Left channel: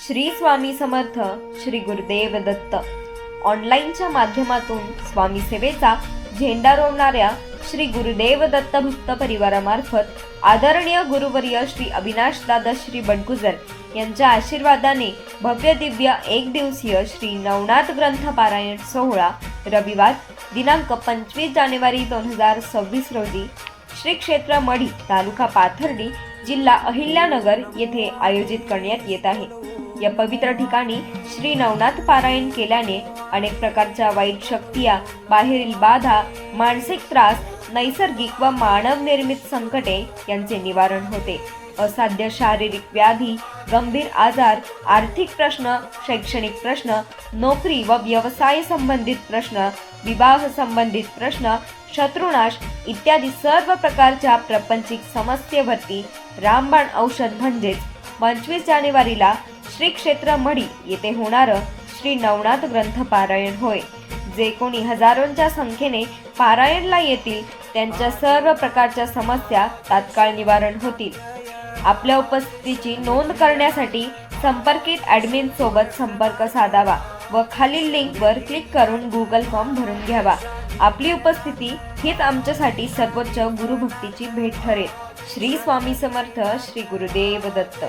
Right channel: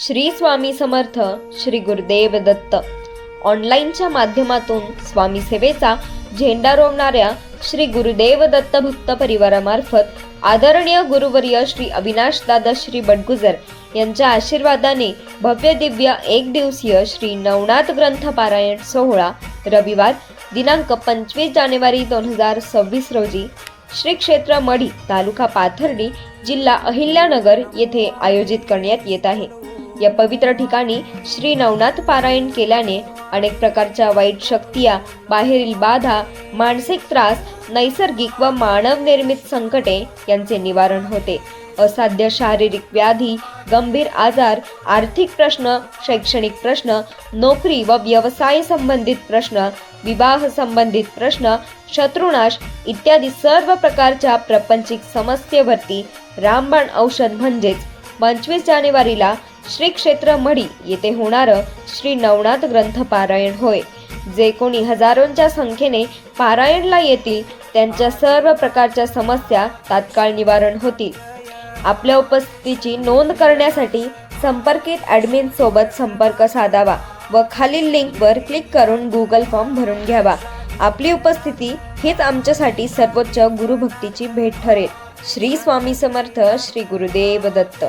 श्री स्वामी समर्थ श्री गुरुदेव दत्त ऑनलाईनच्या माध्यमातून स्वामी सेवेचा झेंडा रोवणाऱ्या श्री गुरुदेव दत्त भक्त परिवारामार्फत आदरणीय गुरुवर्य श्री अविनाश दादा श्री बडगुजर यांच्या आशीर्वादाने भव्य दिव्य एक दिवसीय श्री नवनाथ ग्रंथ पारायण सोहळा रविवार दिनांक 25 जानेवारी 2026 रोजी श्री क्षेत्र मढी तालुका पाथर्डी जिल्हा अहिल्यानगर येथे आयोजित करण्यात येत आहे। या पवित्र ठिकाणी श्री नवनाथ पारायण केल्याने अनेक प्रकारच्या वाईट शक्तिया, बाहेरील बाधा, मानसिक त्रास, नैसर्गिक व मानव निर्मित संकटे यांचे निवारण होते। असाध्य शारीरिक व्याधी, गंभीर आजार, आर्थिक प्रश्न, शैक्षणिक प्रश्न, नोकरी व व्यवसाय संबंधित प्रश्न, विवाह संबंधित प्रश्न, शत्रुनाश इत्यादी सर्व प्रकारच्या प्रापंचिक समस्येवरती रामबाण औषध म्हणजेच 25 जानेवारीला श्री क्षेत्र मढी येथे होणारं श्री नवनाथ ग्रंथ पारायण होय। जे कोणी हजारोंच्या संख्येने पारायणला येतील त्यांच्या सर्व प्रकारच्या समस्या तात्काळ निवारण होतील। आपल्या उपस्थितीची नोंद करण्यासाठी संपर्कित ॲडमिन सोबत संपर्क साधावा व खालील लिंकवर क्लिक करून गुगल फॉर्म भरून घ्यावा। आपली उपस्थिती हीच आमच्यासाठी सर्वोच्च गुरुभक्तीची भेट ठरेल। श्री स्वामी समर्थ श्री गुरुदेव दत्त।